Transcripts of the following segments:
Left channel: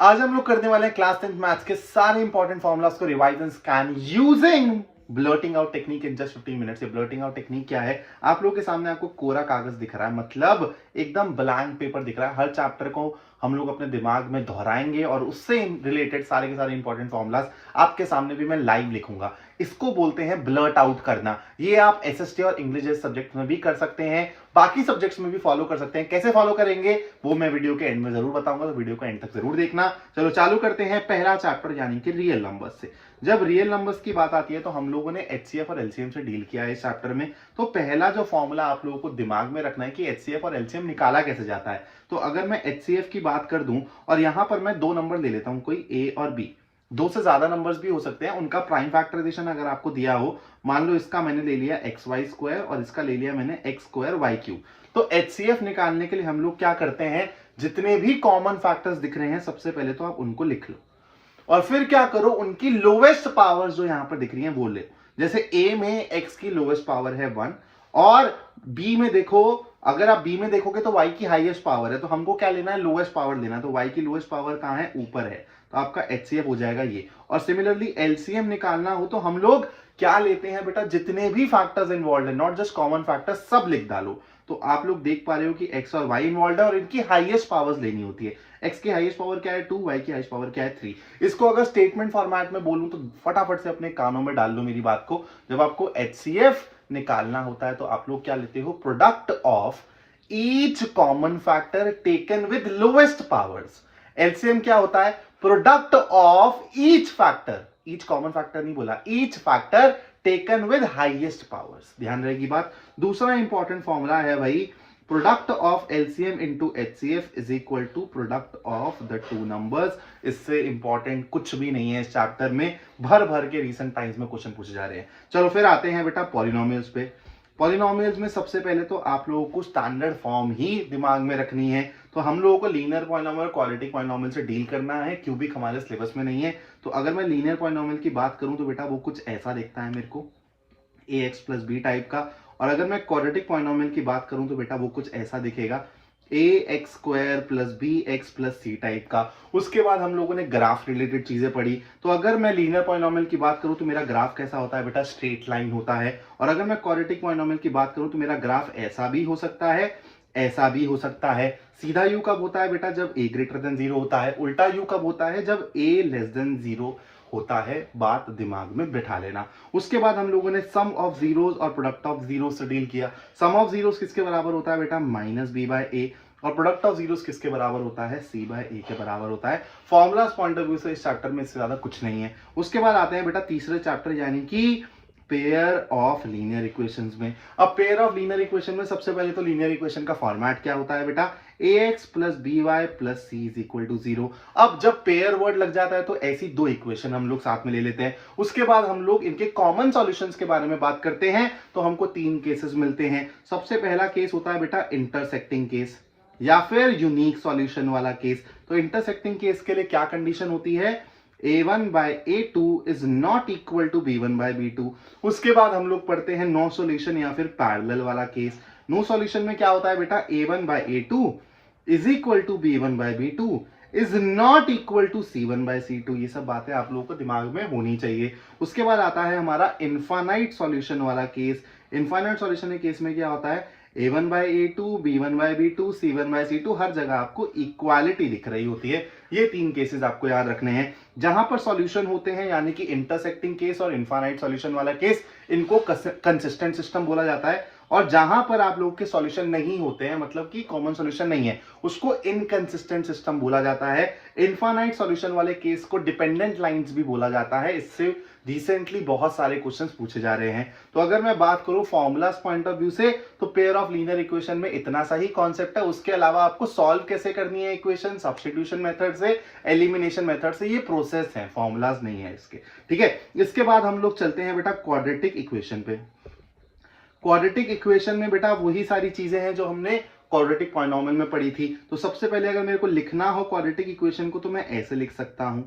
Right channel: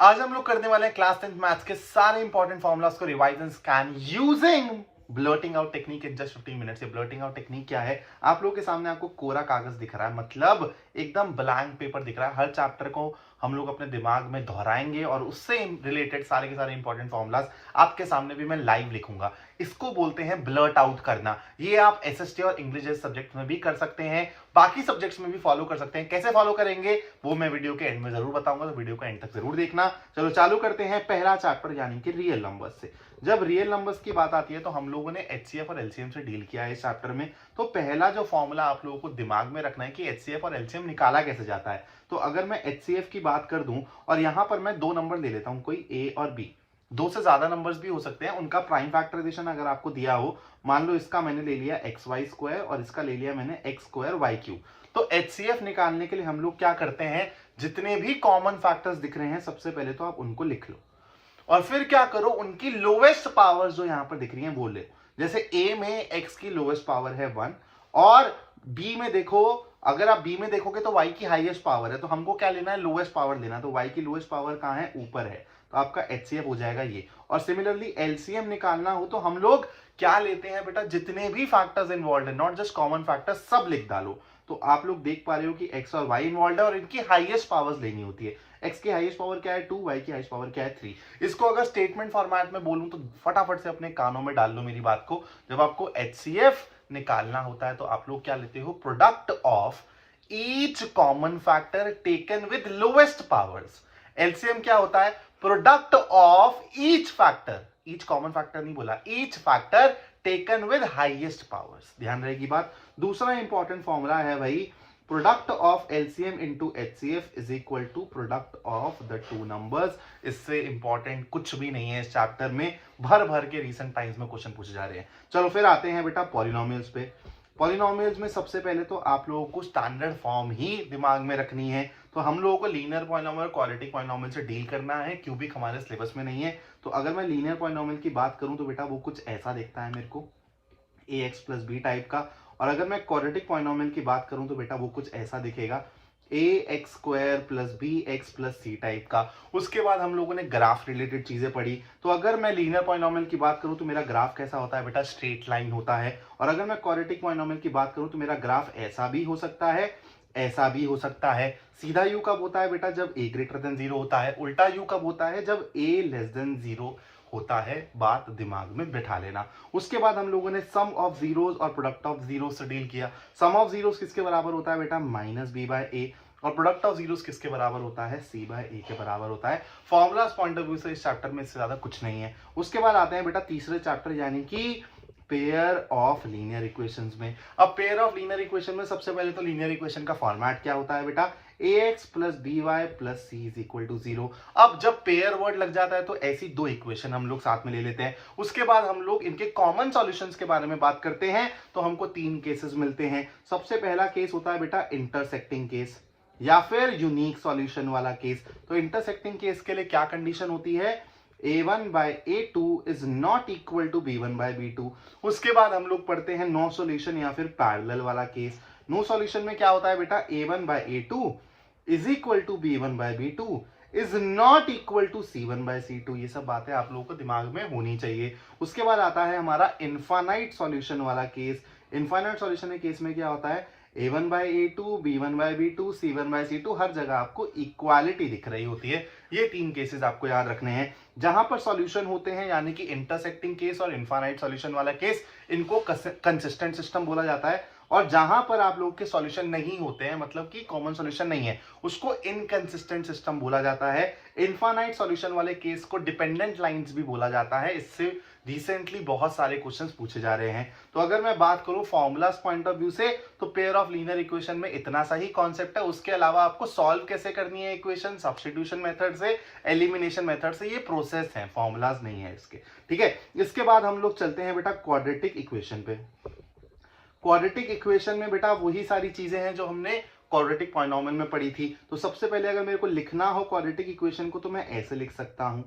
आज हम लोग करने वाले हैं क्लास 10th मैथ्स के सारे इंपॉर्टेंट फॉर्मुलास को revise and scan using blurting out technique in just 15 minutes. ये ब्लर्टिंग आउट टेक्निक क्या है? आप लोगों के सामने आपको कोरा कागज दिख रहा है, मतलब एकदम ब्लैंक पेपर दिख रहा है। हर चैप्टर को हम लोग अपने दिमाग में दोहराएंगे और उससे रिलेटेड सारे के सारे इंपॉर्टेंट फॉर्मुलास आपके सामने भी मैं लाइव लिखूंगा। इसको बोलते हैं ब्लर्ट आउट करना। ये आप एसएसटी और इंग्लिश जैसे सब्जेक्ट में भी कर सकते हैं, बाकी सब्जेक्ट्स में भी फॉलो कर सकते हैं। कैसे फॉलो करेंगे वो मैं वीडियो के एंड में जरूर बताऊंगा, तो वीडियो को एंड तक जरूर देखना। चलो चालू करते हैं पहला चैप्टर यानी कि रियल नंबर्स से। जब रियल नंबर्स की बात आती है तो हम लोगों ने एचसीएफ और एलसीएम से डील किया है इस चैप्टर में। तो पहला जो फॉर्मूला आप लोगों को दिमाग में रखना है कि एचसीएफ और एलसीएम निकाला कैसे जाता है। तो अगर मैं एचसीएफ की बात कर दूं और यहां पर मैं दो नंबर ले लेता हूं, कोई ए और बी, दो से ज्यादा नंबर्स भी हो सकते हैं, उनका प्राइम फैक्टराइजेशन अगर आपको दिया हो, मान लो इसका मैंने ले लिया एक्स वाई स्क्वायर और इसका ले लिया मैंने एक्स स्क्वायर वाई क्यूब। तो एचसीएफ निकालने के लिए हम लोग क्या करते हैं, जितने भी कॉमन फैक्टर्स दिख रहे हैं सबसे पहले तो आप उनको लिख लो और फिर क्या करो, उनकी लोवेस्ट पावर जो यहां पर दिख रही है वो ले। जैसे ए में एक्स की लोवेस्ट पावर है 1 और बी में देखो, अगर आप बी में देखोगे तो वाई की हाईएस्ट पावर है, तो हमको क्या लेना है, लोवेस्ट पावर लेना है। तो वाई की लोवेस्ट पावर कहां है, ऊपर है, तो आपका एचसीएफ हो जाएगा ये। और सिमिलरली एलसीएम निकालना हो तो हम लोग क्या लेते हैं बेटा, जितने भी फैक्टर्स इन्वॉल्व है, नॉट जस्ट कॉमन फैक्टर्स, सब लिख डालो। तो आप लोग देख पा रहे हो कि एक्स और वाई इन्वॉल्व है और इनकी हाईएस्ट पावर्स लेनी होती है। एक्स की हाईएस्ट पावर क्या है 2, वाई की हाईएस्ट पावर क्या है 3। इसको अगर स्टेटमेंट फॉर्मेट में बोलूं तो फटाफट से अपने कानों में डाल लो मेरी बात को। जब आपको एचसीएफ निकालना होता है तो आप लोग क्या लेते हो, product of each common factor taken with lowest powers. LCM क्या होता है, product of each factor, each common factor नहीं बोला, each factor taken with highest powers. ध्यान रहेगी बात। दूसरा इंपॉर्टेंट फॉर्मूला है भाई, product of LCM into HCF is equal to product of the two numbers. इससे इंपॉर्टेंट कुछ भी नहीं है इस चैप्टर में, भर भर के रिसेंट टाइम्स में क्वेश्चन पूछे जा रहे हैं। चलो फिर आते हैं बेटा पॉलिनोमियल्स पे। पॉलिनोमियल्स में सबसे पहले तो आप लोगों को स्टैंडर्ड फॉर्म ही दिमाग में रखनी है। तो हम लोगों को लीनियर पॉलिनोमियल और क्वाड्रेटिक पॉलिनोमियल से डील करना है, क्यूबिक हमारे सिलेबस में नहीं है। तो अगर मैं लीनियर पॉलिनोमियल की बात करूं तो बेटा वो कुछ ऐसा दिखता है मेरे को, ए एक्स प्लस बी टाइप का। और अगर मैं क्वाड्रेटिक पॉलिनोमियल की बात करूं तो बेटा वो कुछ ऐसा दिखेगा, A X square plus B X plus C type का। उसके बाद हम लोगों ने ग्राफ रिलेटेड चीजें पढ़ी। तो अगर मैं लीनियर पॉलिनोमियल की बात करूं तो मेरा ग्राफ कैसा होता है बेटा, स्ट्रेट लाइन होता है। और अगर मैं क्वाड्रेटिक पॉलिनोमियल की बात करूं तो मेरा ग्राफ ऐसा भी हो सकता है, ऐसा भी हो सकता है। सीधा यू कब होता है बेटा, जब ए ग्रेटर देन 0 होता है। उल्टा यू कब होता है, जब ए लेस देन 0 होता है। बात दिमाग में बिठा लेना। उसके बाद हम लोगों ने सम ऑफ जीरोस और प्रोडक्ट ऑफ जीरोस से डील किया। सम ऑफ जीरोस किसके बराबर होता है बेटा, माइनस बी बाय ए। और प्रोडक्ट ऑफ जीरोस किसके बराबर होता है, सी बाय ए के बराबर होता है। फॉर्मुलास पॉइंट ऑफ व्यू से इस चैप्टर में इससे ज्यादा कुछ नहीं है। उसके बाद आते हैं बेटा तीसरे चैप्टर यानी कि पेयर ऑफ लीनियर इक्वेशंस में। अब पेयर ऑफ लीनियर इक्वेशन में सबसे पहले तो लीनियर इक्वेशन का फॉर्मेट क्या होता है बेटा, ax plus B Y plus C is equal to 0। अब जब पेयर वर्ड लग जाता है तो ऐसी दो इक्वेशन हम लोग साथ में ले लेते हैं। उसके बाद हम लोग इनके कॉमन सॉल्यूशंस के बारे में बात करते हैं। तो हमको तीन केसेस मिलते हैं। सबसे पहला केस होता है बेटा इंटरसेक्टिंग केस या फिर यूनिक सॉल्यूशन वाला केस। तो इंटरसेक्टिंग केस के लिए क्या कंडीशन होती है, a1 by a2 is not equal to b1 by b2। उसके बाद हम लोग पढ़ते हैं नो सॉल्यूशन या फिर पैरेलल वाला केस। नो सॉल्यूशन में क्या होता है बेटा, a1 by a2 is equal to b1 by b2 is not equal to c1 by c2। ये सब बातें आप लोगों को दिमाग में होनी चाहिए। उसके बाद आता है हमारा इनफाइनाइट सॉल्यूशन वाला केस। इनफाइनाइट सॉल्यूशन के केस में क्या होता है, a1 by a2 b1 by b2 c1 by c2, हर जगह आपको इक्वालिटी दिख रही होती है। ये तीन केसेस आपको याद रखने हैं। जहां पर सॉल्यूशन होते हैं यानी कि इंटरसेक्टिंग केस और इनफाइनाइट सॉल्यूशन वाला केस, इनको कंसिस्टेंट सिस्टम बोला जाता है। और जहां पर आप लोग के सॉल्यूशन नहीं होते हैं, मतलब कि कॉमन सॉल्यूशन नहीं है, उसको इनकंसिस्टेंट सिस्टम बोला जाता है। इनफाइनाइट सॉल्यूशन वाले केस को डिपेंडेंट लाइंस भी बोला जाता है। इससे रिसेंटली बहुत सारे क्वेश्चंस पूछे जा रहे हैं। तो अगर मैं बात करूं फॉर्मुलास पॉइंट ऑफ व्यू से, तो पेयर ऑफ लीनियर इक्वेशन में इतना सा ही कॉन्सेप्ट है। उसके अलावा आपको सॉल्व कैसे करनी है इक्वेशन, सब्स्टिट्यूशन मेथड से, एलिमिनेशन मेथड से, ये प्रोसेस है, फॉर्मुलाज नहीं है इसके। ठीक है, इसके बाद हम लोग चलते हैं बेटा क्वाड्रेटिक इक्वेशन पे। क्वाड्रेटिक इक्वेशन में बेटा वही सारी चीजें हैं जो हमने क्वाड्रेटिक पॉलिनोमियल में पढ़ी थी। तो सबसे पहले अगर मेरे को लिखना हो क्वाड्रेटिक इक्वेशन को तो मैं ऐसे लिख सकता हूं।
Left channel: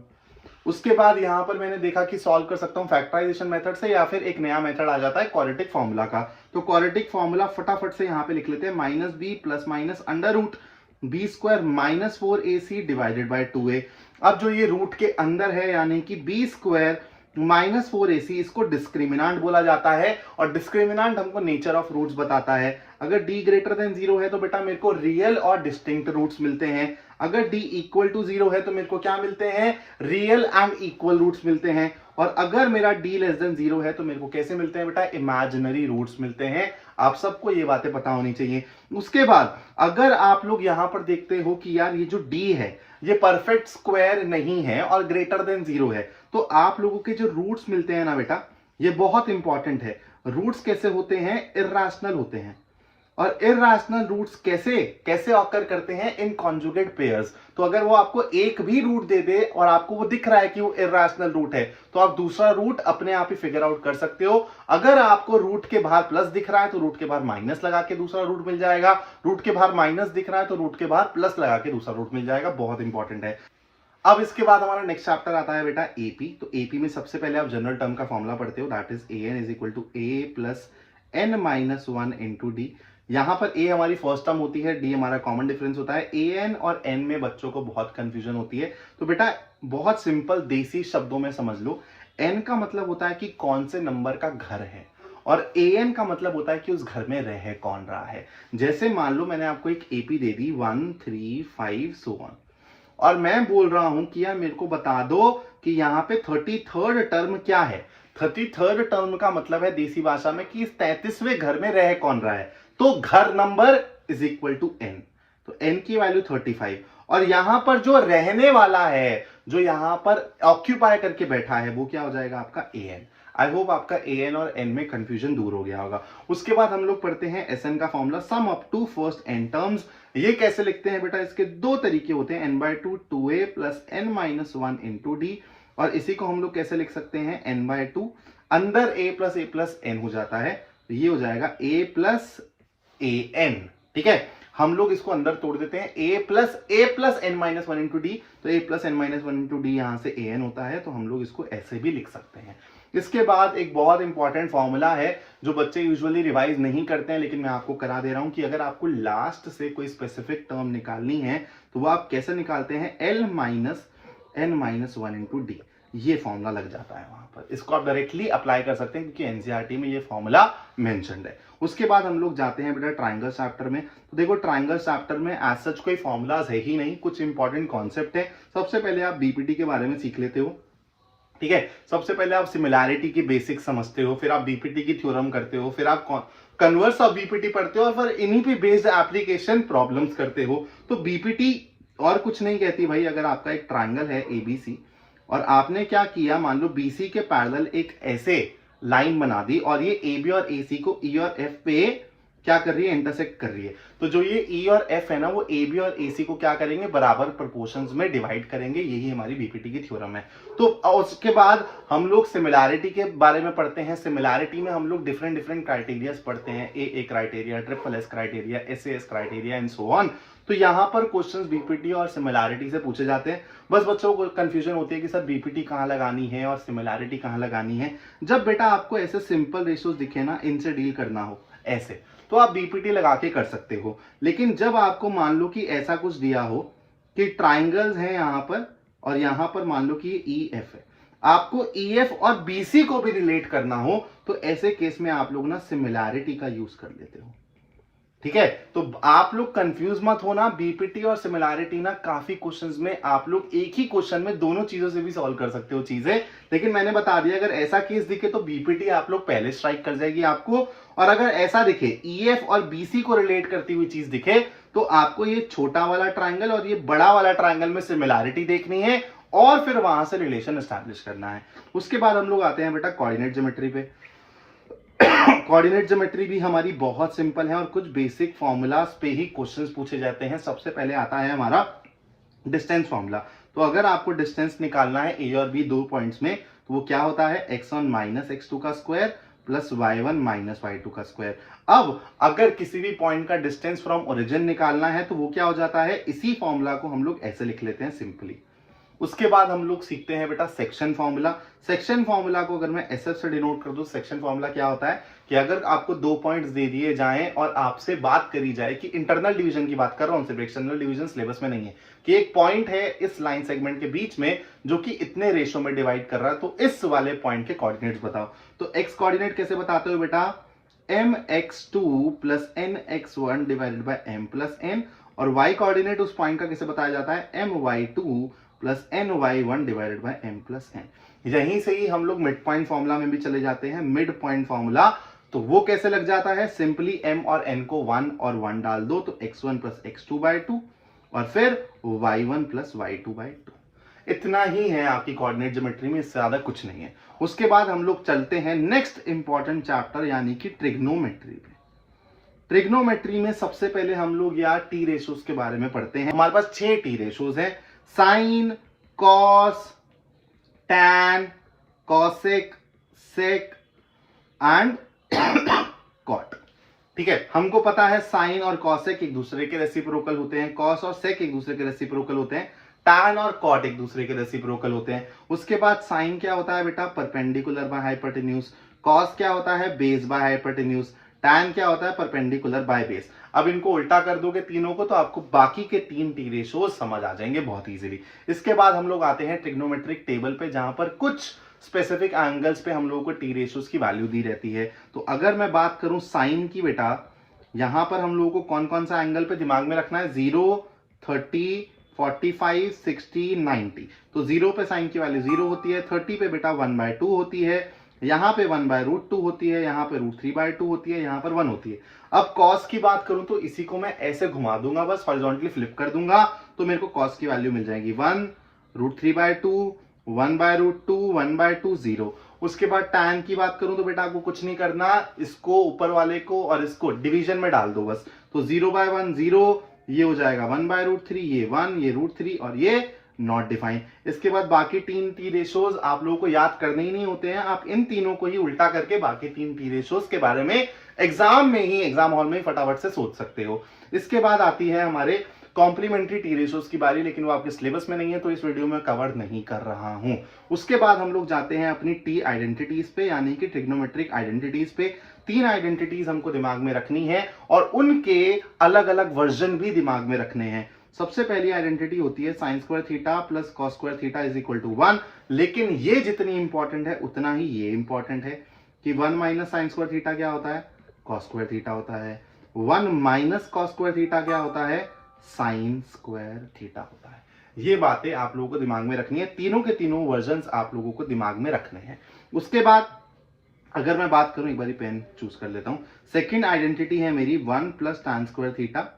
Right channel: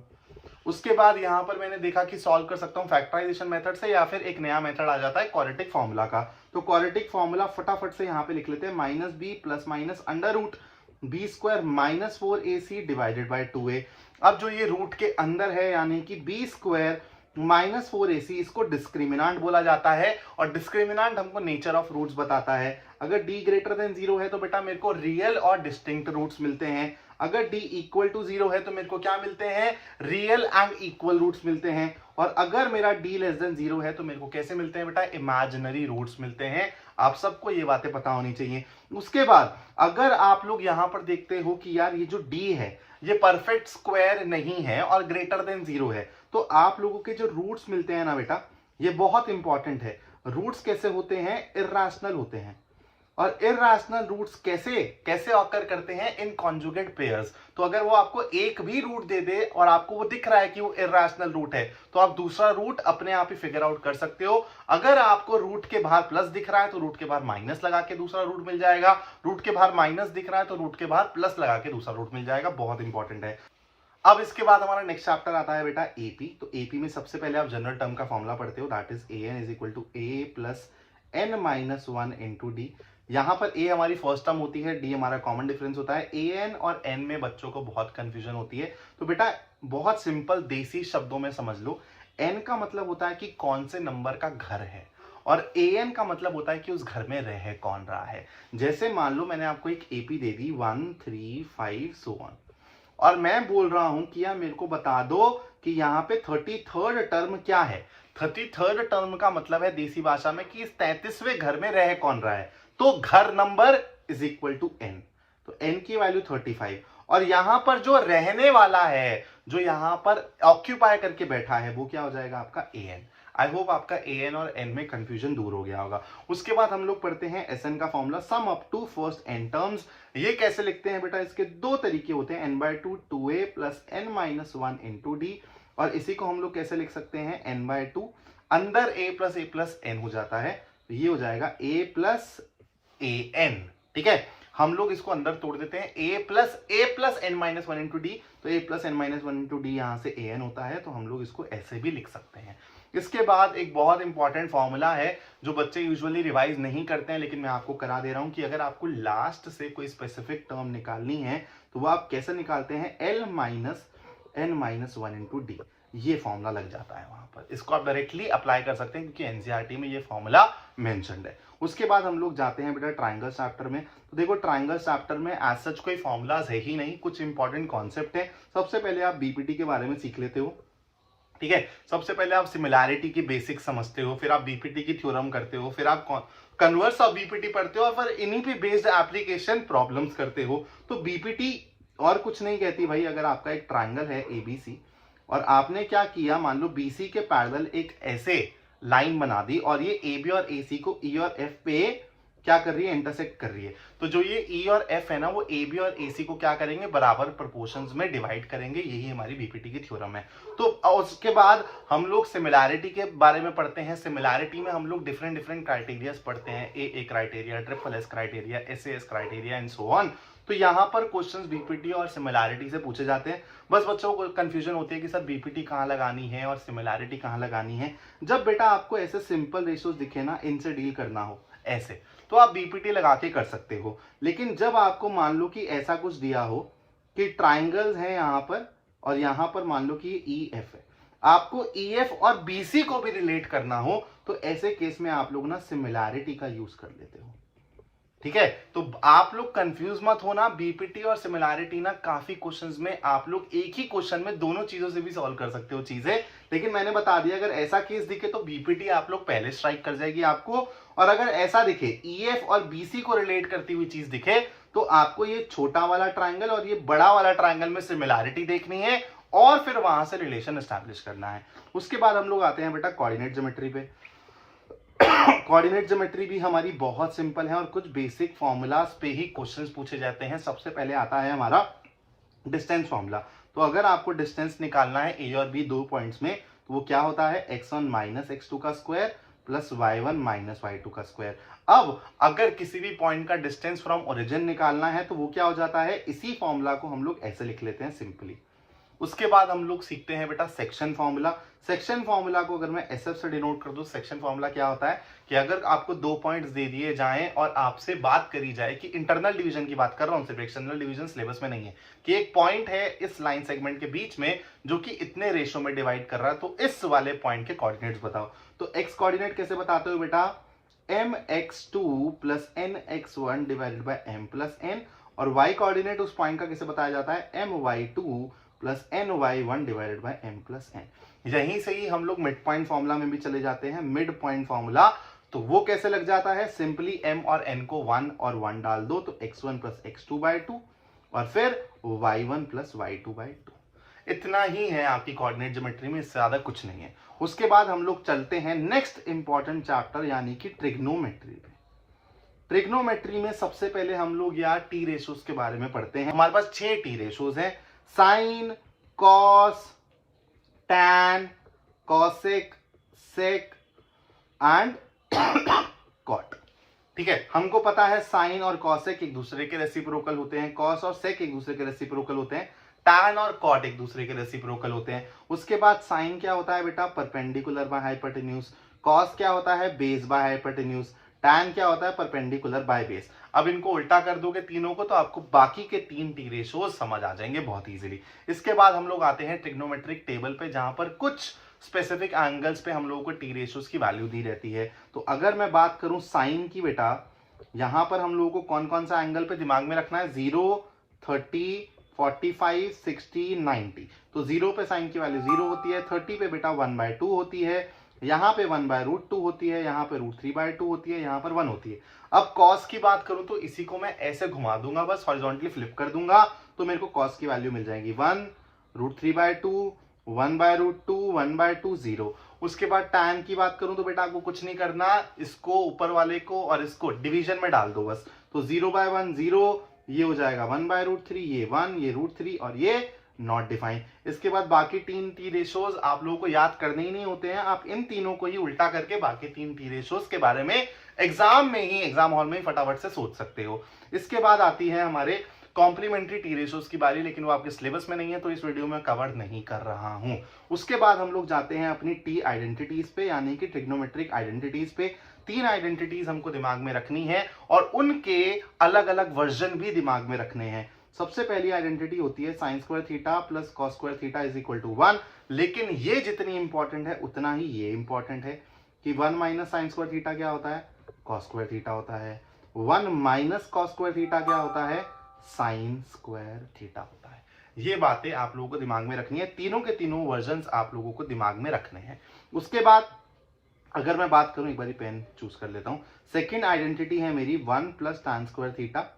उसके बाद यहां पर मैंने देखा कि सॉल्व कर सकता हूं फैक्टराइजेशन मेथड से, या फिर एक नया मेथड आ जाता है क्वाड्रेटिक फॉर्मूला का। तो क्वाड्रेटिक फॉर्मूला फटाफट से यहां पे लिख लेते हैं, minus B plus minus under root B square minus 4ac divided by 2a। अब जो ये रूट के अंदर है यानी कि बी स्क्वायर माइनस 4ac, इसको डिस्क्रिमिनांट बोला जाता है और डिस्क्रिमिनांट हमको नेचर ऑफ रूट्स बताता है। अगर d ग्रेटर देन 0 है तो बेटा मेरे को रियल और डिस्टिंक्ट रूट्स मिलते हैं। अगर d इक्वल टू 0 है तो मेरे को क्या मिलते हैं, रियल एंड इक्वल रूट्स मिलते हैं। और अगर मेरा d लेस देन 0 है तो मेरे को कैसे मिलते हैं बेटा, इमेजिनरी रूट्स मिलते हैं। आप सबको ये बातें पता होनी चाहिए। उसके बाद अगर आप लोग यहां पर देखते हो कि यार ये जो d है ये परफेक्ट स्क्वायर नहीं है और ग्रेटर देन 0 है, तो आप लोगों के जो रूट्स मिलते हैं ना बेटा, ये बहुत इंपॉर्टेंट है। रूट्स कैसे होते हैं, इर्रेशनल होते हैं। और इर्रेशनल रूट्स कैसे कैसे ऑकर करते हैं, इन कॉन्जुगेट पेयर्स। तो अगर वो आपको एक भी रूट दे दे और आपको वो दिख रहा है कि वो इर्रेशनल रूट है, तो आप दूसरा रूट अपने आप ही फिगर आउट कर सकते हो। अगर आपको रूट के बाहर प्लस दिख रहा है तो रूट के बाहर माइनस लगा के दूसरा रूट मिल जाएगा। रूट के बाहर माइनस दिख रहा है तो रूट के बाहर प्लस लगा के दूसरा रूट मिल जाएगा। बहुत इंपॉर्टेंट है। अब इसके बाद हमारा नेक्स्ट चैप्टर आता है बेटा एपी। तो एपी में सबसे पहले आप जनरल टर्म का फॉर्मूला पढ़ते हो, that is an is equal to a plus n minus 1 into D. यहां पर a हमारी फर्स्ट टर्म होती है, d हमारा कॉमन डिफरेंस होता है। an और n में बच्चों को बहुत कंफ्यूजन होती है, तो बेटा बहुत सिंपल देसी शब्दों में समझ लो। n का मतलब होता है कि कौन से नंबर का घर है और an का मतलब होता है कि उस घर में रह कौन रहा है। जैसे मान लो मैंने आपको एक AP they the 1 3 5 so on, और मैं बोल रहा हूं कि यार मेरे को बता दो कि यहाँ पे 33rd टर्म क्या है। 33rd टर्म का मतलब है देसी भाषा में कि इस 33वें घर में रह कौन रहा है। तो घर number is equal to n, तो n की वैल्यू 35 और यहां पर जो रहने वाला है, जो यहां पर ऑक्यूपाई करके बैठा है, वो क्या हो जाएगा आपका an। आई होप आपका an और n में कंफ्यूजन दूर हो गया होगा। उसके बाद हम लोग पढ़ते हैं SN का formula, sum up to first n terms. ये कैसे लिखते हैं बेटा, इसके दो तरीके होते हैं, n/2 2a plus n minus 1 into D. और इसी को हम लोग कैसे लिख सकते हैं, n/2 अंदर a प्लस n हो जाता है, तो ये हो जाएगा a प्लस an। ठीक है, हम लोग इसको अंदर तोड़ देते हैं, a plus n minus 1 into D, तो a plus n minus 1 into D यहां से an होता है, तो हम लोग इसको ऐसे भी लिख सकते हैं। इसके बाद एक बहुत इंपॉर्टेंट फॉर्मूला है जो बच्चे यूजुअली रिवाइज नहीं करते हैं, लेकिन मैं आपको करा दे रहा हूं कि अगर आपको लास्ट से कोई स्पेसिफिक टर्म निकालनी है तो वो आप कैसे निकालते हैं, l minus n minus 1 into D. ये फॉर्मूला लग जाता है वहां पर, इसको आप डायरेक्टली अप्लाई कर सकते हैं क्योंकि एनसीईआरटी में ये फॉर्मूला मेंशन्ड है। उसके बाद हम लोग जाते हैं बेटा ट्राइंगल चैप्टर में। तो देखो ट्राइंगल चैप्टर में एज सच कोई फॉर्मूलाज है ही नहीं, कुछ इंपॉर्टेंट कॉन्सेप्ट है। सबसे पहले आप बीपीटी के बारे में सीख लेते हो। ठीक है, सबसे पहले आप सिमिलैरिटी की बेसिक समझते हो, फिर आप बीपीटी की थ्योरम करते हो, फिर आप कन्वर्स ऑफ बीपीटी पढ़ते हो और फिर इन्हीं पे बेस्ड एप्लीकेशन प्रॉब्लम्स करते हो। तो बीपीटी और कुछ नहीं कहती भाई, अगर आपका एक ट्राइंगल है एबीसी और आपने क्या किया, मान लो बीसी के पैरेलल एक ऐसे लाइन बना दी और ये ए बी और ए सी को ई और एफ पे क्या कर रही है, इंटरसेक्ट कर रही है। तो जो ये ई और एफ है ना, वो ए बी और ए सी को क्या करेंगे, बराबर प्रोपोर्शंस में डिवाइड करेंगे। यही हमारी बीपीटी की थ्योरम है। तो उसके बाद हम लोग सिमिलैरिटी के बारे में पढ़ते हैं। सिमिलैरिटी में हम लोग डिफरेंट क्राइटेरिया पढ़ते हैं, A criteria, triple S criteria, S criteria and so on. तो यहाँ पर क्वेश्चंस बीपीटी और सिमिलैरिटी से पूछे जाते हैं। बस बच्चों को कंफ्यूजन होती है कि सर बीपीटी कहाँ लगानी है और सिमिलैरिटी कहाँ लगानी है। जब बेटा आपको ऐसे सिंपल रेशियोज दिखे ना, इनसे डील करना हो ऐसे, तो आप बीपीटी लगा के कर सकते हो। लेकिन जब आपको मान लो कि ऐसा कुछ दिया हो कि ट्राइंगल्स हैं यहाँ पर और यहाँ पर मान लो कि ये ई एफ है, आपको ई एफ और बीसी को भी रिलेट करना हो, तो ऐसे केस में आप लोग ना सिमिलैरिटी का यूज कर लेते हो। ठीक है, तो आप लोग कंफ्यूज मत होना, बीपीटी और सिमिलैरिटी ना काफी क्वेश्चंस में आप लोग एक ही क्वेश्चन में दोनों चीजों से भी सॉल्व कर सकते हो चीजें। लेकिन मैंने बता दिया अगर ऐसा केस दिखे तो बीपीटी आप लोग पहले स्ट्राइक कर जाएगी आपको, और अगर ऐसा दिखे ईएफ और बीसी को रिलेट करती हुई चीज दिखे तो आपको ये छोटा वाला ट्राइंगल और ये बड़ा वाला ट्राइंगल में सिमिलैरिटी देखनी है और फिर वहां से रिलेशन एस्टैब्लिश करना है। उसके बाद हम लोग आते हैं बेटा कोऑर्डिनेट ज्योमेट्री पे। कोऑर्डिनेट ज्योमेट्री भी हमारी बहुत सिंपल है और कुछ बेसिक फॉर्मूलाज पे ही क्वेश्चंस पूछे जाते हैं। सबसे पहले आता है हमारा डिस्टेंस फॉर्मूला। तो अगर आपको डिस्टेंस निकालना है ए और बी दो पॉइंट्स में, तो वो क्या होता है, x1 माइनस x2 का square plus y1 minus y2 का स्क्वायर। अब अगर किसी भी पॉइंट का डिस्टेंस फ्रॉम ओरिजिन निकालना है तो वो क्या हो जाता है, इसी फॉर्मूला को हम लोग ऐसे लिख लेते हैं सिंपली। उसके बाद हम लोग सीखते हैं बेटा सेक्शन फॉर्मूला। सेक्शन फॉर्मूला को अगर मैं SF से डिनोट कर दूं, सेक्शन फॉर्मूला क्या होता है कि अगर आपको 2 पॉइंट्स दे दिए जाएं और आपसे बात करी जाए कि इंटरनल डिवीजन की बात कर रहा हूं, सिर्फ एक्सटर्नल डिवीजन सिलेबस में नहीं है, कि एक पॉइंट है इस लाइन सेगमेंट के बीच में जो कि इतने रेशो में डिवाइड कर रहा है, तो इस वाले पॉइंट के कोऑर्डिनेट्स बताओ। तो एक्स कोऑर्डिनेट कैसे बताते हो बेटा, mx2 plus nx1 divided by m plus n, और y कोऑर्डिनेट उस पॉइंट का कैसे बताया जाता है, my2 plus ny1 divided by m plus n। यहीं से ही हम लोग मिड पॉइंट फॉर्मूला में भी चले जाते हैं। मिड पॉइंट फॉर्मूला तो वो कैसे लग जाता है, सिंपली m और n को 1 और 1 डाल दो तो x1 प्लस x2 बाय 2 और फिर y1 प्लस y2 बाय 2। इतना ही है आपकी कोऑर्डिनेट ज्योमेट्री में, इससे ज्यादा कुछ नहीं है। उसके बाद हम लोग चलते हैं नेक्स्ट इंपॉर्टेंट चैप्टर यानी कि ट्रिग्नोमेट्री पे। ट्रिग्नोमेट्री में सबसे पहले हम लोग यार टी रेशोज के बारे में पढ़ते हैं। हमारे पास 6 टी रेशोज हैं, sine, cos, tan, cosec, sec and cot. ठीक है, हमको पता है साइन और कॉसेक एक दूसरे के रेसिप्रोकल होते हैं, कॉस और सेक एक दूसरे के रेसिप्रोकल होते हैं, टैन और कॉट एक दूसरे के रेसिप्रोकल होते हैं। उसके बाद साइन क्या होता है बेटा, परपेंडिकुलर बाय हाइपोटेन्यूज, कॉस क्या होता है, बेस बाय हाइपोटेन्यूज, टैन क्या होता है, परपेंडिकुलर बाय बेस। अब इनको उल्टा कर दोगे तीनों को तो आपको बाकी के 3 टी रेशोज समझ आ जाएंगे बहुत इजीली। इसके बाद हम लोग आते हैं ट्रिग्नोमेट्रिक टेबल पे, जहां पर कुछ स्पेसिफिक एंगल्स पे हम लोगों को टी रेशोज की वैल्यू दी रहती है। तो अगर मैं बात करूं साइन की बेटा, यहां पर हम लोगों को कौन कौन सा एंगल पे दिमाग में रखना है, 0, 30, 45, 60, 90। तो 0 पे साइन की वैल्यू 0 होती है, 30 पे बेटा 1/2 होती है, यहां पे 1/√2 होती है, यहां पे √3/2 होती है, यहां पर 1 होती है। अब कॉस की बात करूं तो इसी को मैं ऐसे घुमा दूंगा, बस हॉरिजॉन्टली फ्लिप कर दूंगा तो मेरे को कॉस की वैल्यू मिल जाएगी 1, √3/2, 1/√2, 1/2, 0। उसके बाद टैन की बात करूं तो बेटा आपको कुछ नहीं करना, इसको ऊपर वाले को और इसको डिवीजन में डाल दो बस। तो 0/1 0, ये हो जाएगा 1/√3, ये 1, ये √3 और ये नॉट डिफाइन। इसके बाद बाकी 3 टी रेशोज आप लोगों को याद करने ही नहीं होते हैं, आप इन तीनों को ही उल्टा करके बाकी 3 टी रेशोज के बारे में एग्जाम में ही, एग्जाम हॉल में ही फटाफट से सोच सकते हो। इसके बाद आती है हमारे कॉम्प्लीमेंट्री टी रेशोज की बारी, लेकिन वो आपके सिलेबस में नहीं है तो इस वीडियो में कवर नहीं कर रहा हूं। उसके बाद हम लोग जाते हैं अपनी टी आइडेंटिटीज पे, यानी कि ट्रिग्नोमेट्रिक आइडेंटिटीज पे। 3 आइडेंटिटीज हमको दिमाग में रखनी है और उनके अलग अलग वर्जन भी दिमाग में रखने हैं। सबसे पहली आइडेंटिटी होती है sine square theta plus cos square theta is equal to 1, लेकिन ये जितनी इंपॉर्टेंट है उतना ही ये इंपॉर्टेंट है कि 1 माइनस साइन स्क्वायर थीटा क्या होता है, कॉस स्क्वायर थीटा होता है, 1 माइनस कॉस स्क्वायर थीटा क्या होता है, साइन स्क्वायर थीटा होता है। ये बातें आप लोगों को दिमाग में रखनी है, तीनों के तीनों वर्जन आप लोगों को दिमाग में रखने हैं। उसके बाद अगर मैं बात करूं, एक बारी पेन चूज कर लेता हूं, सेकेंड आइडेंटिटी है मेरी 1 plus tan square theta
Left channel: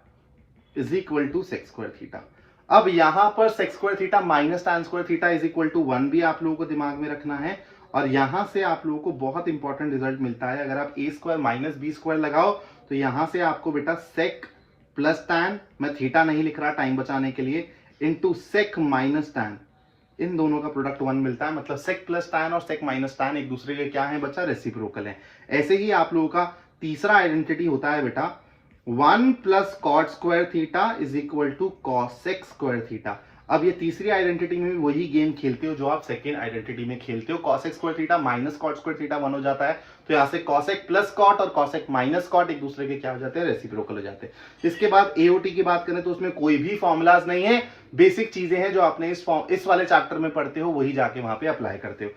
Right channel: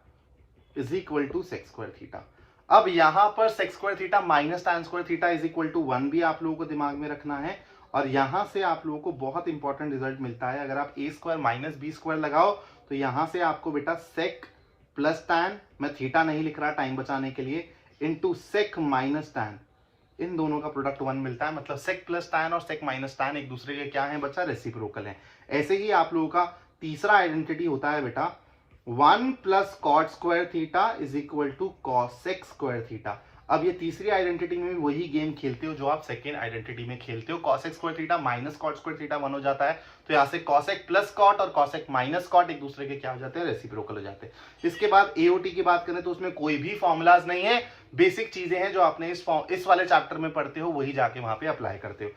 is equal to sec square theta. अब यहां पर sec square theta minus tan square theta is equal to 1 भी आप लोगों को दिमाग में रखना है। और यहां से आप लोगों को बहुत इंपॉर्टेंट रिजल्ट मिलता है, अगर आप a square minus B square लगाओ तो यहां से आपको बेटा सेक प्लस टैन, मैं थीटा नहीं लिख रहा टाइम बचाने के लिए, इंटू सेक माइनस टैन, इन दोनों का प्रोडक्ट 1 मिलता है। मतलब सेक प्लस टैन और सेक माइनस टैन एक दूसरे के क्या है बच्चा, रेसिप्रोकल है। ऐसे ही आप लोगों का तीसरा आइडेंटिटी होता है बेटा 1 plus cot square theta is equal to cosec square theta. अब ये तीसरी आइडेंटिटी में भी वही गेम खेलते हो जो आप सेकेंड आइडेंटिटी में खेलते हो, cosec square theta minus cot square theta 1 हो जाता है, तो यहां से कॉसेक प्लस कॉट और कॉसेक माइनस कॉट एक दूसरे के क्या हो जाते हैं, रेसिप्रोकल हो जाते हैं। इसके बाद एओटी की बात करें तो उसमें कोई भी फॉर्मुलाज नहीं है, बेसिक चीजें हैं जो आपने इस वाले चैप्टर में पढ़ते हो वही जाके वहां पे अप्लाई करते हो।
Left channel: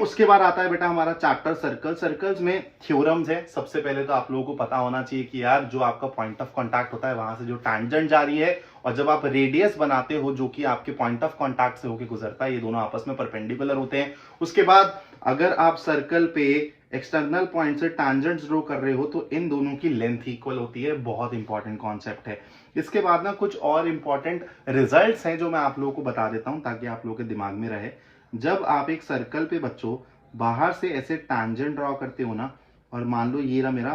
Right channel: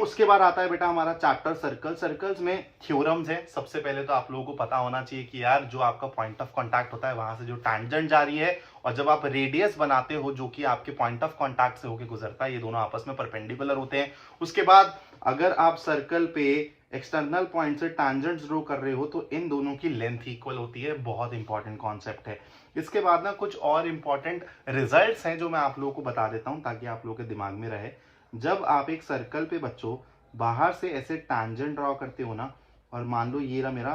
उसके बाद आता है बेटा हमारा चैप्टर सर्कल। सर्कल्स में थ्योरम्स है। सबसे पहले तो आप लोगों को पता होना चाहिए कि यार जो आपका पॉइंट ऑफ कांटेक्ट होता है वहां से जो टैंजेंट जा रही है और जब आप रेडियस बनाते हो जो कि आपके पॉइंट ऑफ कांटेक्ट से होकर गुजरता है, ये दोनों आपस में परपेंडिकुलर होते हैं। उसके बाद अगर आप सर्कल पे एक्सटर्नल पॉइंट से टैंजेंट्स ड्रॉ कर रहे हो तो इन दोनों की लेंथ इक्वल होती है, बहुत इंपॉर्टेंट कॉन्सेप्ट है। इसके बाद ना कुछ और इंपॉर्टेंट रिजल्ट्स हैं जो मैं आप लोगों को बता देता हूं ताकि आप लोगों के दिमाग में रहे। जब आप एक सर्कल पे बच्चों बाहर से ऐसे टैंजेंट ड्रॉ करते हो ना, और मान लो ये रहा मेरा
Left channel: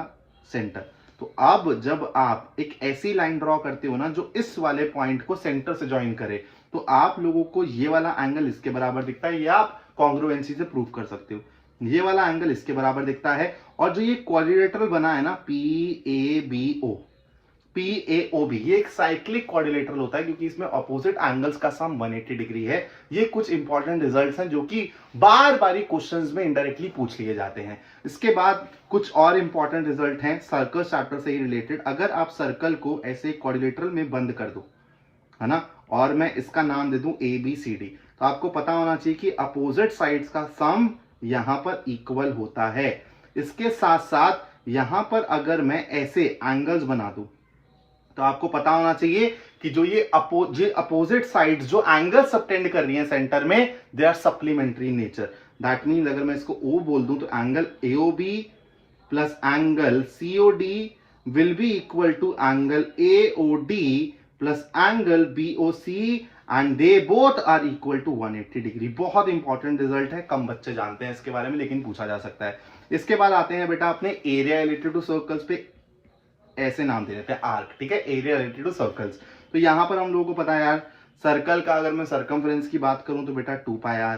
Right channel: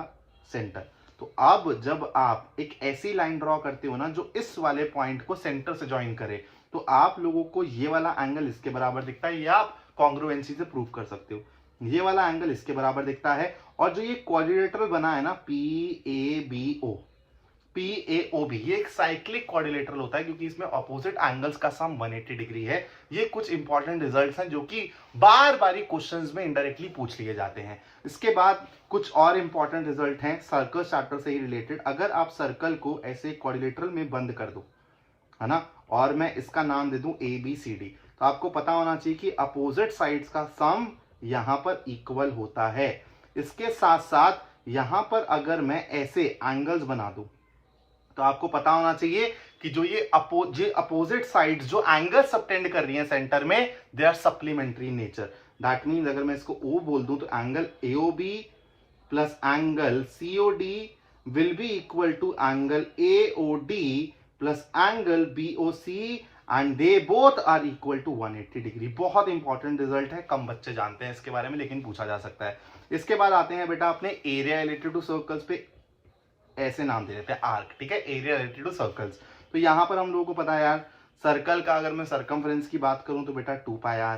सेंटर, तो अब जब आप एक ऐसी लाइन ड्रॉ करते हो ना जो इस वाले पॉइंट को सेंटर से ज्वाइन करे, तो आप लोगों को ये वाला एंगल इसके बराबर दिखता है, ये आप कॉन्ग्रुएंसी से प्रूव कर सकते हो। ये वाला एंगल इसके बराबर दिखता है, और जो ये क्वाड्रिलेटरल बना है ना PABO, PAOB, ये एक साइक्लिक क्वाड्रिलेटरल होता है क्योंकि इसमें अपोजिट एंगल्स का सम 180 डिग्री है। ये कुछ इंपॉर्टेंट रिजल्ट्स हैं जो कि बार बार क्वेश्चंस में इनडायरेक्टली पूछ लिए जाते हैं। इसके बाद कुछ और इंपॉर्टेंट रिजल्ट हैं सर्कल चैप्टर से ही रिलेटेड। अगर आप सर्कल को ऐसे क्वाड्रिलेटरल में बंद कर दो, है ना, और मैं इसका नाम दे दूं ABCD, तो आपको पता होना चाहिए कि अपोजिट साइड्स का सम यहां पर इक्वल होता है। इसके साथ साथ यहां पर अगर मैं ऐसे एंगल्स बना दूं तो आपको पता होना चाहिए कि जो ये अपोजिट साइड्स जो एंगल सबटेंड कर रही हैं सेंटर में, they are supplementary nature. That means अगर मैं इसको O बोल दूं तो angle AOB plus angle COD will be equal to angle AOD plus angle BOC and they both are equal to 180 degree. बहुत इंपॉर्टेंट रिजल्ट है, कम बच्चे जानते हैं इसके बारे में, लेकिन पूछा जा सकता है। इसके बाद आते हैं बेटा अपने एरिया रिलेटेड टू सर्कल्स पे, ऐसे नाम दे देते हैं आर्क, ठीक है, एरिया रिलेटेड टू सर्कल्स। तो यहां पर हम लोगों को पता है यार, सर्कल का अगर मैं सर्कमफ्रेंस की बात करूं तो बेटा 2πr,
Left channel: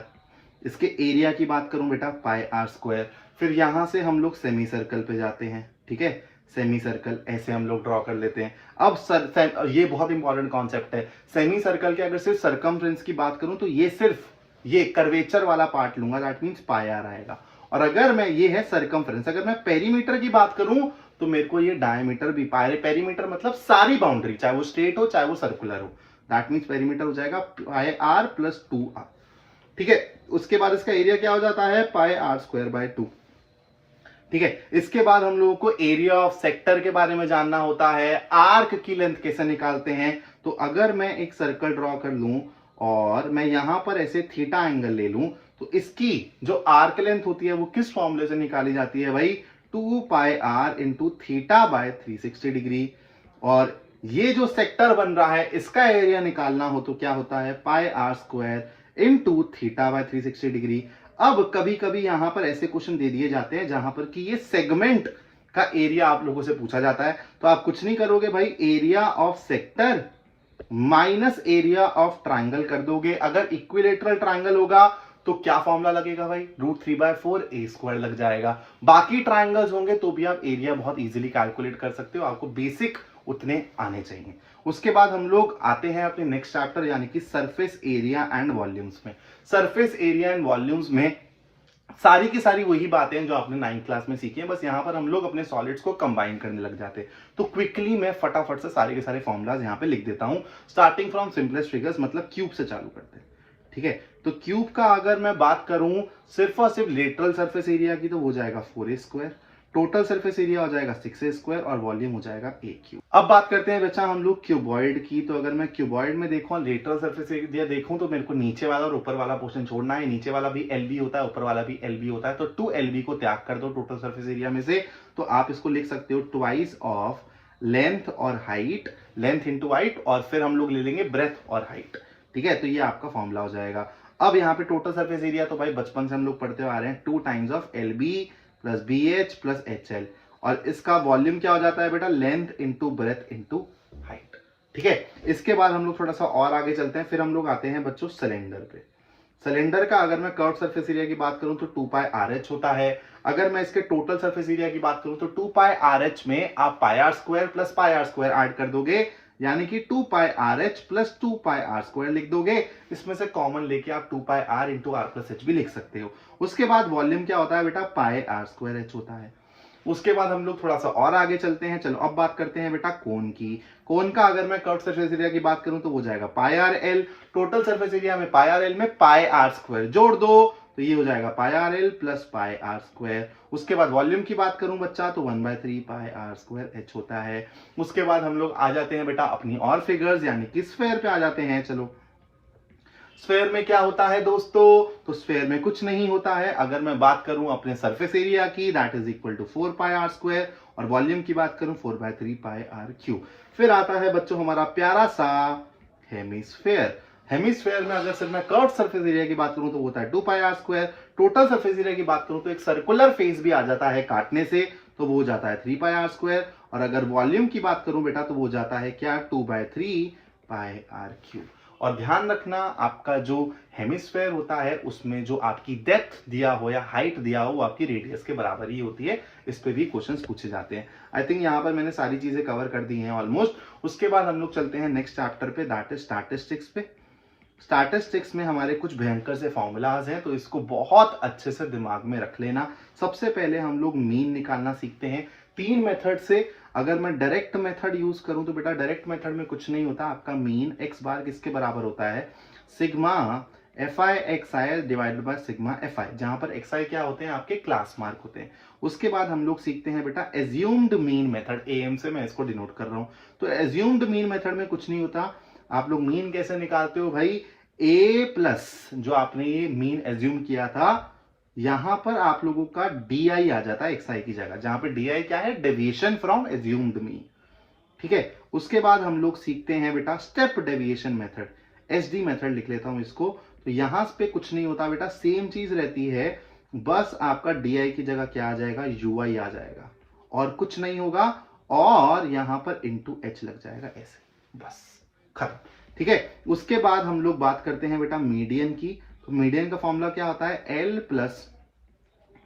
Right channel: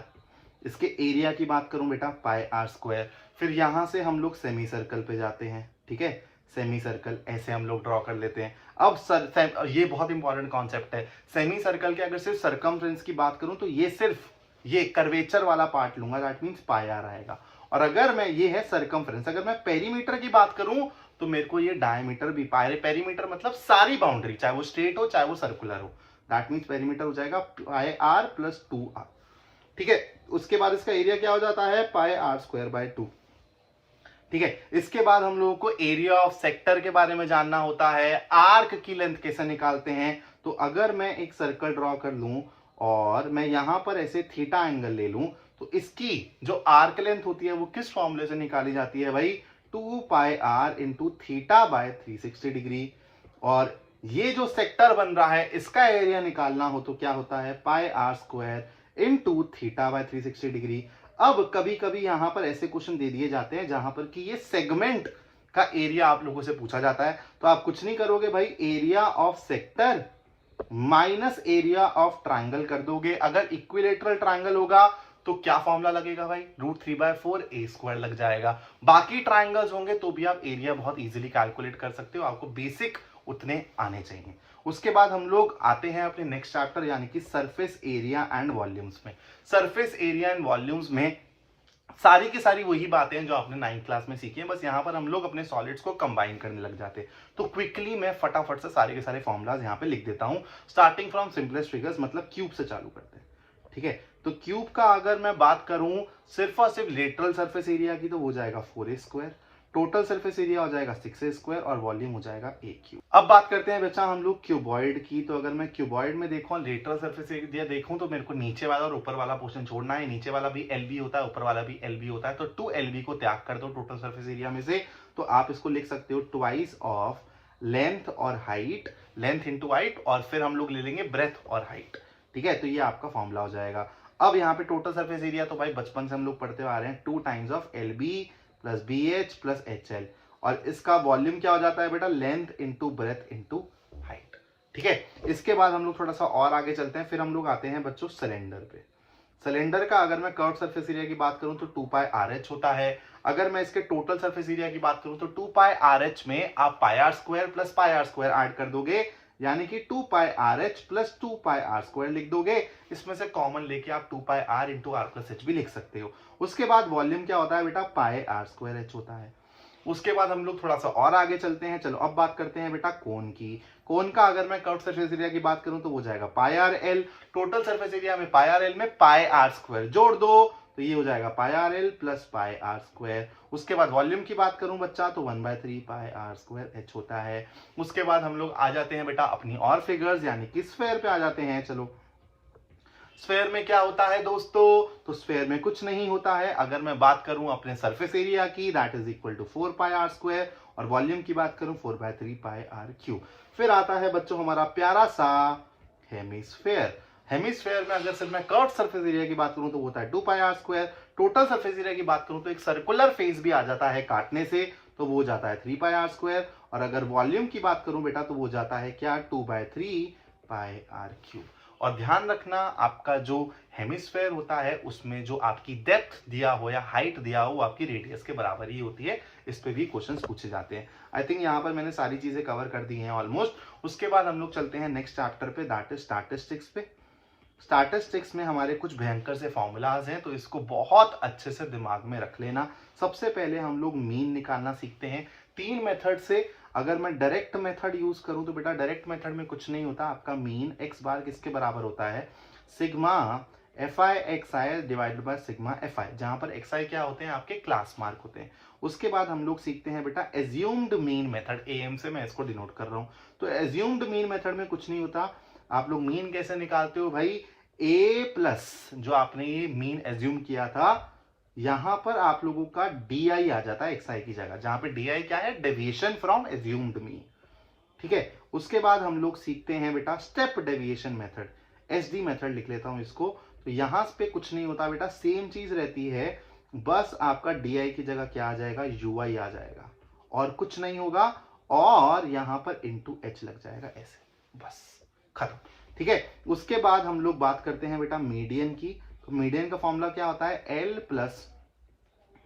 इसके एरिया की बात करूं बेटा πr²। फिर यहां से हम लोग सेमी सर्कल पे जाते हैं, ठीक है, सेमी सर्कल ऐसे हम लोग ड्रॉ कर लेते हैं। अब ये बहुत इंपॉर्टेंट कॉन्सेप्ट है, सेमी सर्कल के अगर सिर्फ सर्कमफ्रेंस की बात करूं तो ये सिर्फ ये कर्वेचर वाला पार्ट लूंगा, दैट मीन्स πr आएगा। और अगर मैं, ये है सर्कमफ्रेंस, अगर मैं पेरीमीटर की बात करूं तो मेरे को ये डायमीटर भी, पेरीमीटर मतलब सारी बाउंड्री, चाहे वो स्ट्रेट हो चाहे वो सर्कुलर हो, दैट मीन्स पेरीमीटर हो जाएगा πr प्लस 2r, ठीक है। उसके बाद इसका एरिया क्या हो जाता है πr²/2, ठीक है। इसके बाद हम लोगों को एरिया ऑफ सेक्टर के बारे में जानना होता है, आर्क की लेंथ कैसे निकालते हैं। तो अगर मैं एक सर्कल ड्रॉ कर लूं और मैं यहां पर ऐसे थीटा एंगल ले लूं तो इसकी जो आर्क लेंथ होती है वो किस फॉर्मूले से निकाली जाती है भाई, 2πr इंटू θ/360 डिग्री। और ये जो सेक्टर बन रहा है इसका एरिया निकालना हो तो क्या होता है πr² इंटू θ/360 डिग्री। अब कभी कभी यहां पर ऐसे क्वेश्चन दे दिए जाते हैं जहां पर कि ये सेगमेंट का एरिया आप लोगों से पूछा जाता है, तो आप कुछ नहीं करोगे भाई, area of sector minus area of triangle कर दोगे। अगर इक्विलेटरल ट्राइंगल होगा तो क्या फॉर्मूला लगेगा भाई, √3/4a² लग जाएगा। बाकी ट्राइंगल्स होंगे तो भी आप एरिया बहुत इजीली कैलकुलेट कर सकते हो, आपको बेसिक उतने आने चाहिए। उसके बाद हम लोग आते हैं अपने नेक्स्ट चैप्टर यानी कि सरफेस एरिया एंड वॉल्यूम्स में। सरफेस एरिया एंड वॉल्यूम्स में सारी की सारी वही बातें जो आपने 9th क्लास में सीखी हैं, बस यहां पर हम लोग अपने सॉलिड्स को कंबाइन करने लग जाते हैं। तो क्विकली मैं फटाफट से सारे के सारे फॉर्मुलाज यहां पे लिख देता हूं, स्टार्टिंग फ्रॉम सिंपलेस्ट फिगर्स, मतलब क्यूब से चालू करते हैं, ठीक है। तो क्यूब का अगर मैं बात करूं सिर्फ और सिर्फ लेटरल सरफेस एरिया की तो हो जाएगा 4a², टोटल सरफेस एरिया हो जाएगा 6a² और वॉल्यूम हो जाएगा a³। अब बात करते हैं बच्चा हम लोग क्यूबॉइड की। तो अगर मैं क्यूबॉइड में देखूं, लेटरल सरफेस एरिया देखूं तो मेरे को नीचे वाला और ऊपर वाला पोर्शन छोड़ना है। नीचे वाला भी LB होता है, ऊपर वाला भी LB होता है, तो 2LB को त्याग कर दो टोटल सरफेस एरिया में से। तो आप इसको लिख सकते हो ट्वाइस ऑफ लेंथ और हाइट, लेंथ इंटू हाइट, और फिर हम लोग ले लेंगे ब्रेथ और हाइट, ठीक है। तो ये आपका फॉर्मूला हो जाएगा। अब यहाँ पे टोटल सरफेस एरिया तो भाई बचपन से हम लोग पढ़ते आ रहे हैं, 2 times of LB plus BH plus HL, और इसका वॉल्यूम क्या हो जाता है बेटा, length into breadth into height, ठीक है। इसके बाद हम लोग थोड़ा सा और आगे चलते हैं, फिर हम लोग आते हैं बच्चों सिलेंडर पे। सिलेंडर का अगर मैं कर्व सरफेस एरिया की बात करूं तो 2πRH होता है। अगर मैं इसके टोटल सरफेस एरिया की बात करूं तो 2πRH में आप πr² प्लस πr² ऐड कर दोगे, यानी कि 2πRH प्लस 2πr² लिख दोगे। इसमें से कॉमन लेके आप 2πr into r plus h भी लिख सकते हो। उसके बाद वॉल्यूम क्या होता है बेटा, πr²h होता है। उसके बाद हम लोग थोड़ा सा और आगे चलते हैं। चलो अब बात करते हैं बेटा कोन की। कोन का अगर मैं कर्व सरफेस एरिया की बात करूं तो वो जाएगा πrl, टोटल सरफेस एरिया में πrl में πr² जोड़ दो तो ये हो जाएगा πrl प्लस πr²। उसके बाद वॉल्यूम की बात करूं बच्चा तो 1/3 πr²h होता है। उसके बाद हम लोग आ जाते हैं बेटा अपनी और फिगर्स यानी कि स्फेयर पे आ जाते हैं। चलो स्फेयर में क्या होता है दोस्तों, तो स्फेयर में कुछ नहीं होता है। अगर मैं बात करूं अपने सरफेस एरिया की, that is equal to 4πr², और वॉल्यूम की बात करूं 4/3 πr³। फिर आता है बच्चों हमारा प्यारा सा हेमिस्फेयर। हेमिस्फेयर में अगर सिर्फ मैं कर्व सरफेस एरिया की बात करूं तो वो होता है 2πr²। टोटल सरफेस एरिया की बात करूं तो एक सर्कुलर फेस भी आ जाता है काटने से, तो वो जाता है 3πr²। और अगर वॉल्यूम की बात करूं बेटा तो वो जाता है क्या, 2/3 πr³। और ध्यान रखना आपका जो हेमिस्फेयर होता है उसमें जो आपकी डेप्थ दिया हो या हाइट दिया हो वो आपकी रेडियस के बराबर ही होती है। इस पे भी क्वेश्चंस पूछे जाते हैं। आई थिंक यहाँ पर मैंने सारी चीजें कवर कर दी हैं ऑलमोस्ट। उसके बाद हम लोग चलते हैं नेक्स्ट चैप्टर पे, दैट इज स्टैटिस्टिक्स पे। स्टैटिस्टिक्स में हमारे कुछ भयंकर से फॉर्मूलाज हैं, तो इसको बहुत अच्छे से दिमाग में रख लेना। सबसे पहले हम लोग मीन निकालना सीखते हैं 3 मेथड से। अगर मैं डायरेक्ट मेथड यूज करूं तो बेटा डायरेक्ट मेथड में कुछ नहीं होता, आपका मीन एक्स बार किसके बराबर होता है, sigma F I x I divided by sigma F I, जहां पर एक्स आई क्या होते हैं, आपके क्लास मार्क होते हैं। उसके बाद हम लोग सीखते हैं बेटा एज्यूम्ड मीन मेथड, एएम से मैं इसको डिनोट कर रहा हूं। तो एज्यूम्ड मीन मेथड में कुछ नहीं होता, आप लोग मीन कैसे निकालते हो भाई, ए प्लस जो आपने ये मीन एज्यूम किया था यहां पर आप लोगों का डी आई आ जाता है एक्स आई की जगह, जहां पे डी आई क्या है, डेविएशन फ्रॉम एज्यूम्ड मीन। ठीक है, उसके बाद हम लोग सीखते हैं बेटा step deviation method, S D method लिख लेता हूं इसको। तो यहां पे कुछ नहीं होता बेटा, सेम चीज रहती है, बस आपका डी आई की जगह क्या आ जाएगा, यू आई आ जाएगा और कुछ नहीं होगा, और यहां पर इंटू एच लग जाएगा ऐसे, बस खत्म। ठीक है, उसके बाद हम लोग बात करते हैं बेटा मीडियन की। तो मीडियन का फॉर्मूला क्या होता है, L plus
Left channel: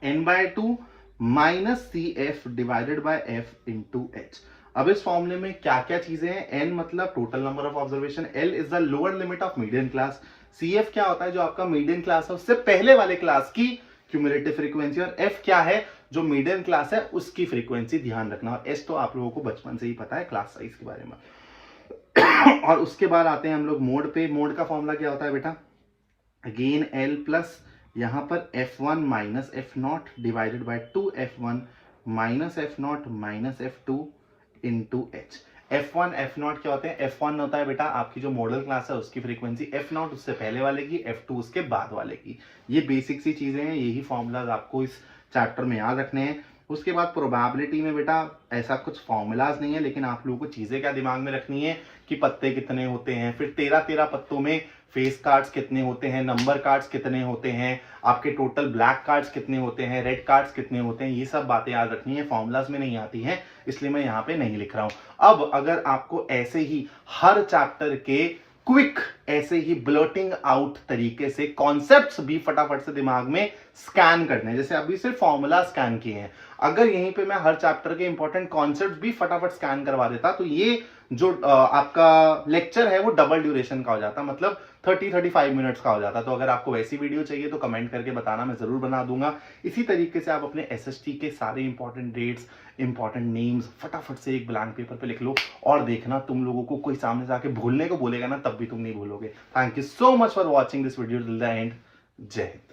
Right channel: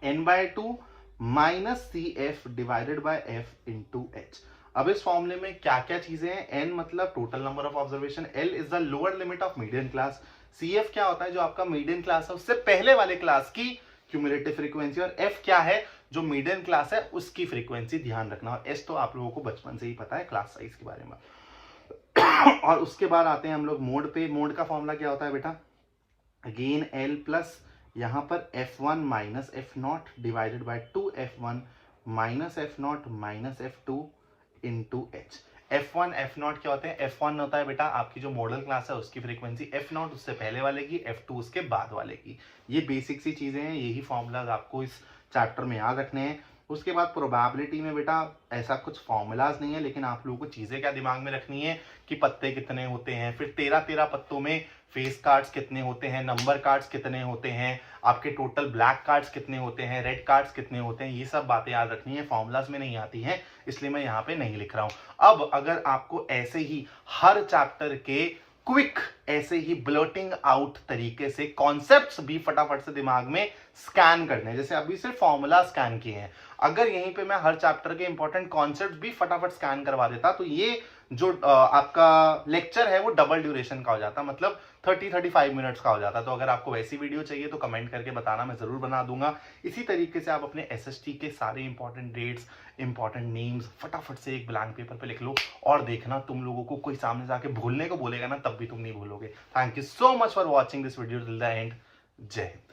N by two minus C F divided by F into H. अब इस फॉर्मूले में क्या क्या चीजें हैं, एन मतलब total number of observation, L is the lower limit of median class, C F क्या होता है, जो आपका मीडियन क्लास है उससे पहले वाले क्लास की क्यूमुलेटिव फ्रीक्वेंसी, और एफ क्या है, जो मीडियन क्लास है उसकी फ्रीक्वेंसी, ध्यान रखना। और एस तो आप लोगों को बचपन से ही पता है क्लास साइज के बारे में। और उसके बाद आते हैं हम लोग मोड पे। मोड का फॉर्मूला क्या होता है बेटा, अगेन एल प्लस यहां पर F1 minus F not divided by 2F1 minus F not minus F2 into H. F1 F0 क्या होते हैं, F1 होता है बेटा आपकी जो मॉडल क्लास है उसकी फ्रीक्वेंसी, F0 उससे पहले वाले की, F2 उसके बाद वाले की। ये बेसिक सी चीजें हैं, यही फॉर्मूलाज आपको इस चैप्टर में याद रखने हैं। उसके बाद प्रोबेबिलिटी में बेटा ऐसा कुछ फॉर्मूलाज नहीं है, लेकिन आप लोगों को चीजें क्या दिमाग में रखनी है कि पत्ते कितने होते हैं, फिर 13 पत्तों में फेस कार्ड्स कितने होते हैं, नंबर कार्ड्स कितने होते हैं, आपके टोटल ब्लैक कार्ड्स कितने होते हैं, रेड कार्ड्स कितने होते हैं, ये सब बातें याद रखनी है, फॉर्मूलाज में नहीं आती हैं, इसलिए मैं यहाँ पे नहीं लिख रहा हूं। अब अगर आपको ऐसे ही हर चैप्टर के क्विक ऐसे ही ब्लर्टिंग आउट तरीके से कॉन्सेप्ट्स भी फटाफट से दिमाग में स्कैन करने हैं, जैसे अभी सिर्फ फॉर्मूला स्कैन किए हैं, अगर यहीं पे मैं हर चैप्टर के इंपॉर्टेंट कॉन्सेप्ट्स भी फटाफट स्कैन करवा देता तो ये जो आपका लेक्चर है वो डबल ड्यूरेशन का हो जाता, मतलब 30-35 मिनट्स का हो जाता। तो अगर आपको वैसी वीडियो चाहिए तो कमेंट करके बताना, मैं जरूर बना दूंगा। इसी तरीके से आप अपने एसएसटी के सारे इंपॉर्टेंट डेट्स, इंपॉर्टेंट नेम्स फटाफट से एक ब्लैंक पेपर पे लिख लो, और देखना तुम लोगों को कोई सामने से आके भूलने को बोलेगा ना, तब भी तुम नहीं भूलोगे। Thank you so much for watching this video till the end. जय हिंद।